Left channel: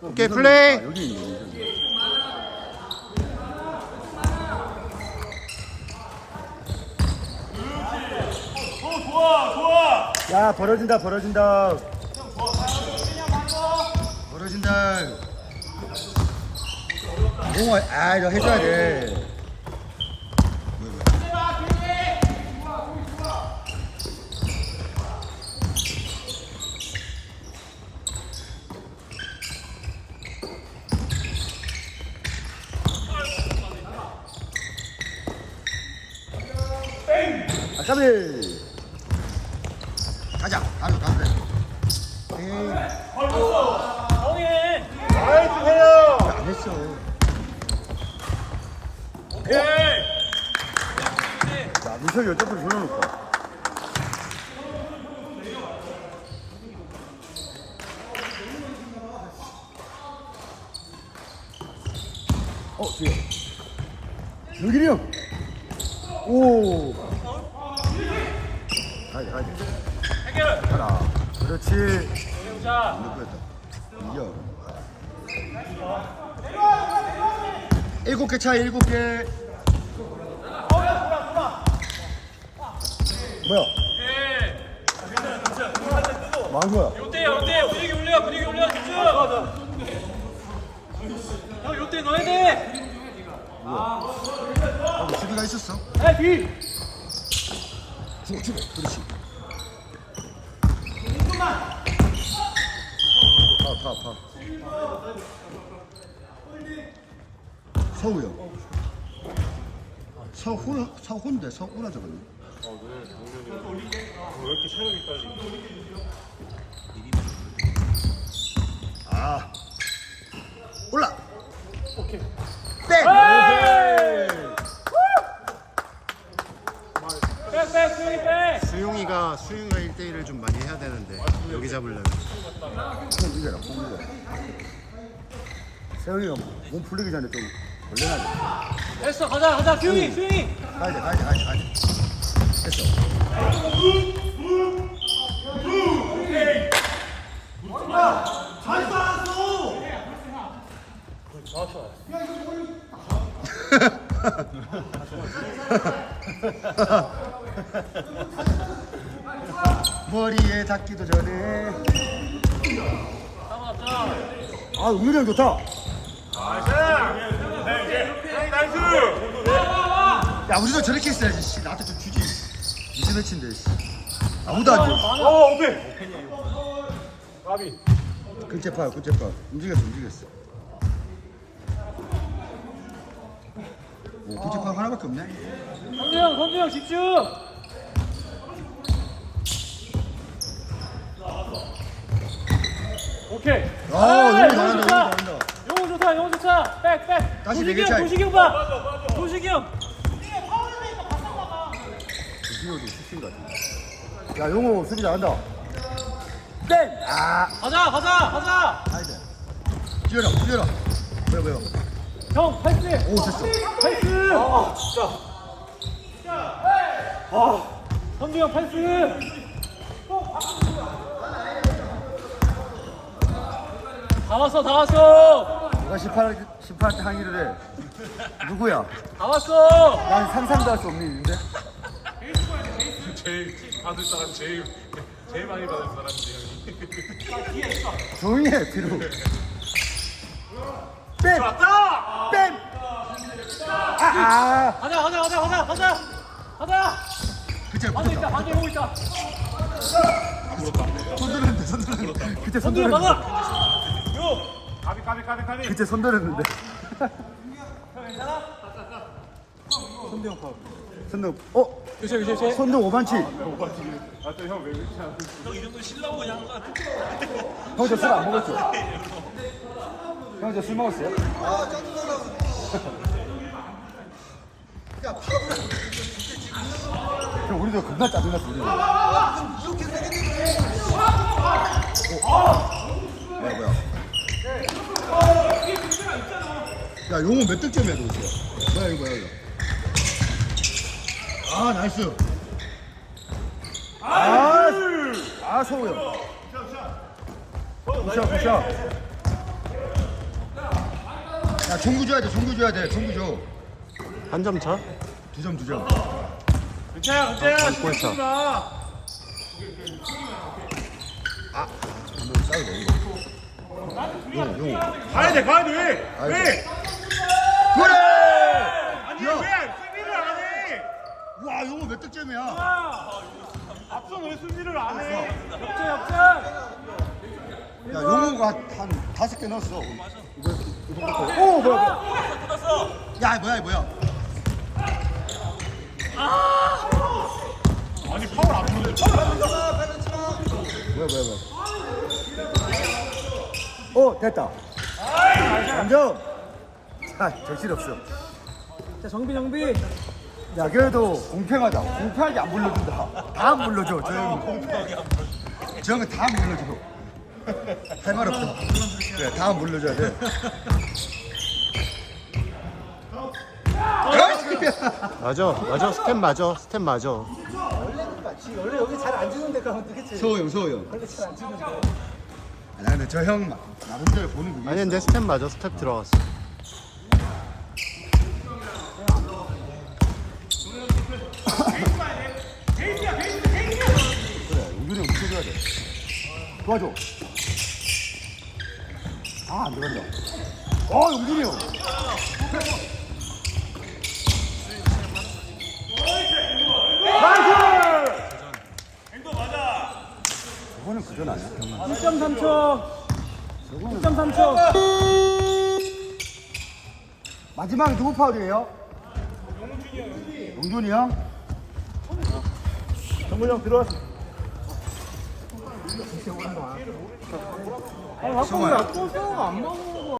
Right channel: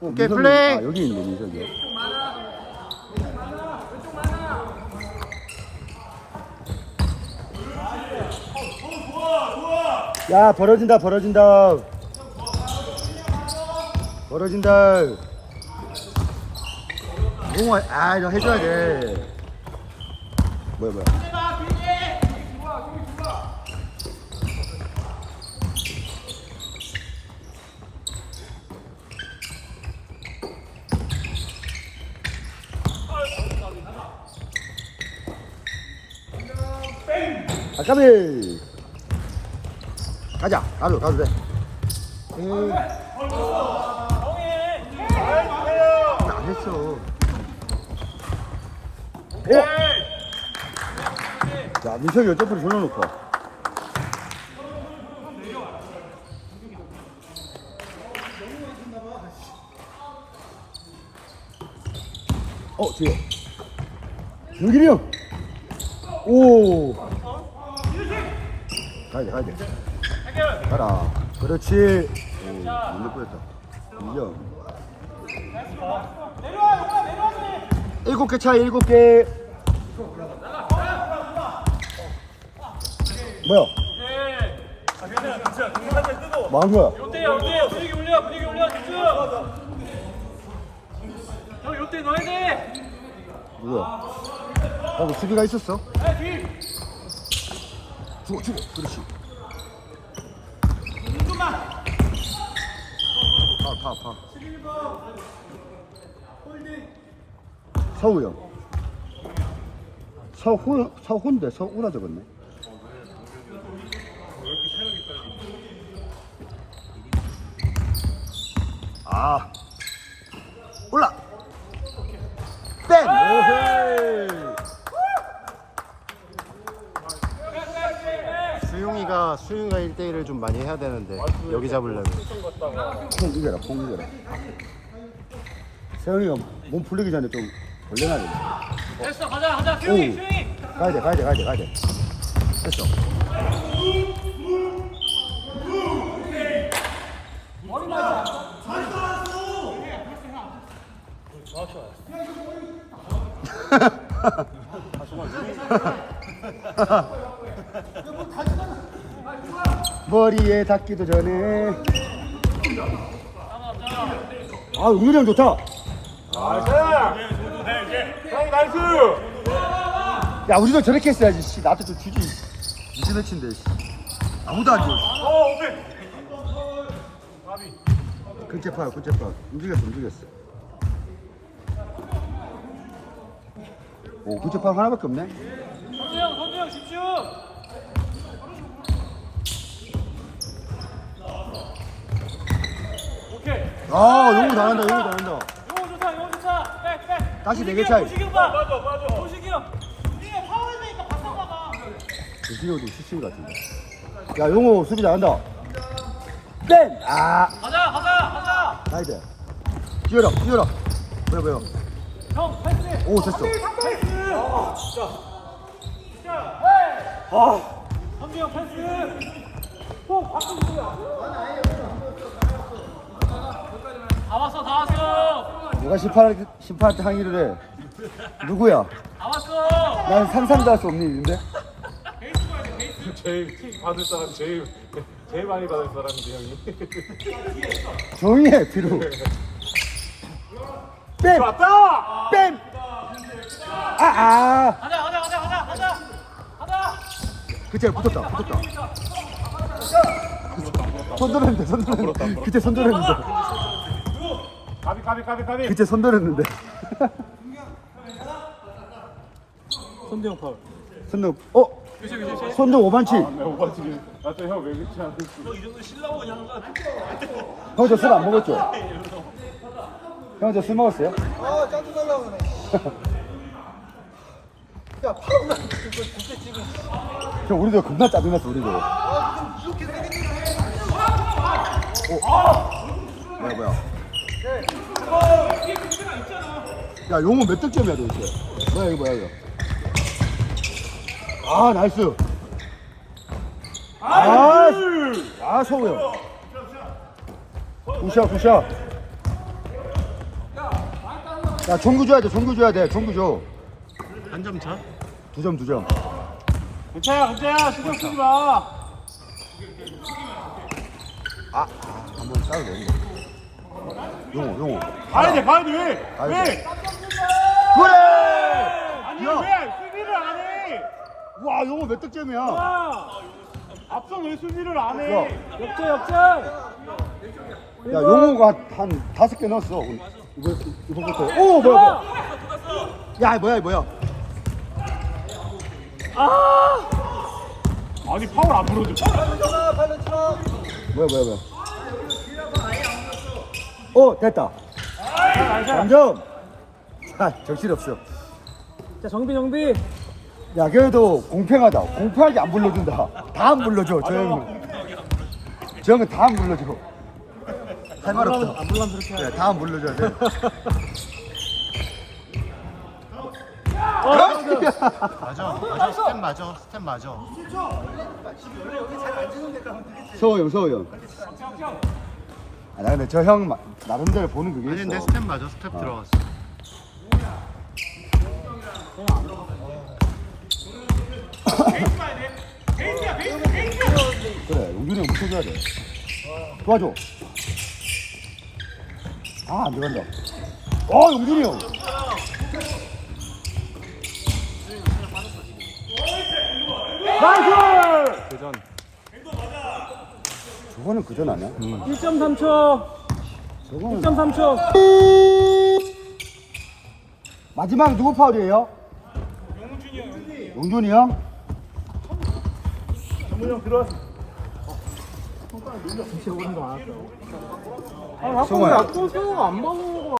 오케이, 플레이. 아, 여기 있네 여기. 야 벌어진다 벌어진다 벌어진다 공아 아 이거 해줘야 돼 뭐야 뭐야 아 까비 가자. 나도 가도 돼. 에이 안 했어. 자 민석이 옆으로 불러놓고 어 뒤에. 윤길이 형. 오. 가야 돼, 가야 돼. 가라. 그렇지. 안될 뻔했다. 이겨. 일곱 개 차, 일곱 개. 뭐야? 뭐한 거야? 요때 요때 분위기 올려 분위기 올려 집중 형 요때 넣어야 돼 뭐야? 아, 뭐 수비가 있었어? 뒤 주고. 그렇지. 파, 파, 파. 서우 형. 서훈, 서훈데 서우라 적었네. 아. 올라. 땡. 오헤이. 수용이가 수용이가 1대1을 좀 많이 해야 되는데 여기 잡으려면. 콩 이겨라 콩 이겨라 세영이가 몸 풀리기 전에 좀 올려놔야 됐어 가자 가자 수영이 수영이. 돼 가야 돼 가야 돼 가야 돼 가야 돼. 됐어 머리에 닿기도 전에. 아 은근히 좋다. 야 우리도 저렇게 했어야지 씨. 나한테 좀 주지. 무슨 매치인데 씨. 아무도 안 줘. 근체 파요 근체 파. 움직였어 움직였어. 오 근체 파 하나밖에 없네? 성주 형 성주 형 집중 오케이. 아 용우 잘한다 용우 잘한다. 영호 좋다 영호 좋다. 백 백. 다시 네개 차이. 도식이 형 봐. 맞아 맞아. 도식이 형 주시고도 수시 같은데. 야 용우 수비 잘한다. 땡 아. 가자 가자 가자. 가야돼. 뛰어라 뛰어라. 뭐야 뭐야 형 패스. 오 됐어. 패스. 아 진짜. 아. 성주 형 패스. 다 왔어 다 왔어. 누가 18, 18때 항의를 해? 누구야? 다 왔어. 난 상상도 할 수 없는 일인데? 제일 받을 사람 제일 제일 많이 받을 사람인데 형이. 조용히 해 뒤로 뺨! 왔다. 뺨! 아 아. 가자 가자 가자 가자 가자. 가자. 그치 붙었다 붙었다. 손 들었는데 손 들었는데. 그때 손 들었는데 가비 가비 가비. 그때 손 들었는데 손대형 파. 손등 어? 손등 오반치 아또 형왜 그렇게 안 했지? 이 정도 실라고 그냥 한거 형저 술 안 먹었죠? 형 저 술 먹었어요? 아 짜증나려고 그래. 야 파울은 그거 진짜 지금 형 우리도 겁나 짜증났어 우리도 아 무슨 이렇게 생겼는데 뭐야 뭐야 야 용호 몇 득점이야 도대체? 뭐야 이거 뭐야 이거? 아 나이스. 아, 아 서우 굿샷 굿샷. 야 종구 줘야 돼 종구 줘야 돼 종구 줘두 한점 차? 점 두점. 괜찮아 괜찮아. 신경 쓰지 마. 한번 싸도 돼 용호 용호 가야 돼 가야 돼 아이고. 왜? 그래! 아니 야. 왜 수비를 안해 와 용호 몇 득점이야? 앞선 왜 수비를 안해? 역전 역전. 야 용호가 한 다섯 개 넣었어. 이거 이거부터. 오 뭐야 뭐야. 야 뭐야 뭐야. 아니 파울 안 부르지. 쳐 뭐야 뭐야 뭐야 오 됐다. 완전 자 대실 없어. 자 정비 정비 야 그래도 공평하다. 공평하게 안 불러준다. 다 안 불러줘 저 형은. 저 형은 다 안 불러줘. 할 말 없다. 그래 다안 불러줘야 돼. 맞아 맞아. 스텝 맞아 스텝 맞아. 서호 형 서호 형 아, 나 근데 저 형 나름대로 보는 그게 아니 근데 있어. 스텝 맞아. 스텝 들어갔어. 그래 이렇게 해야 돼. 도와줘 아안 되겠네 어형 이거는 그전 아니야? 1.3초 1.3초 마지막 누구 파울이에요? 용준이 형. 용준이 형? 정근이 형 들어왔어 아 자꾸 왜또 수호가 안 먹어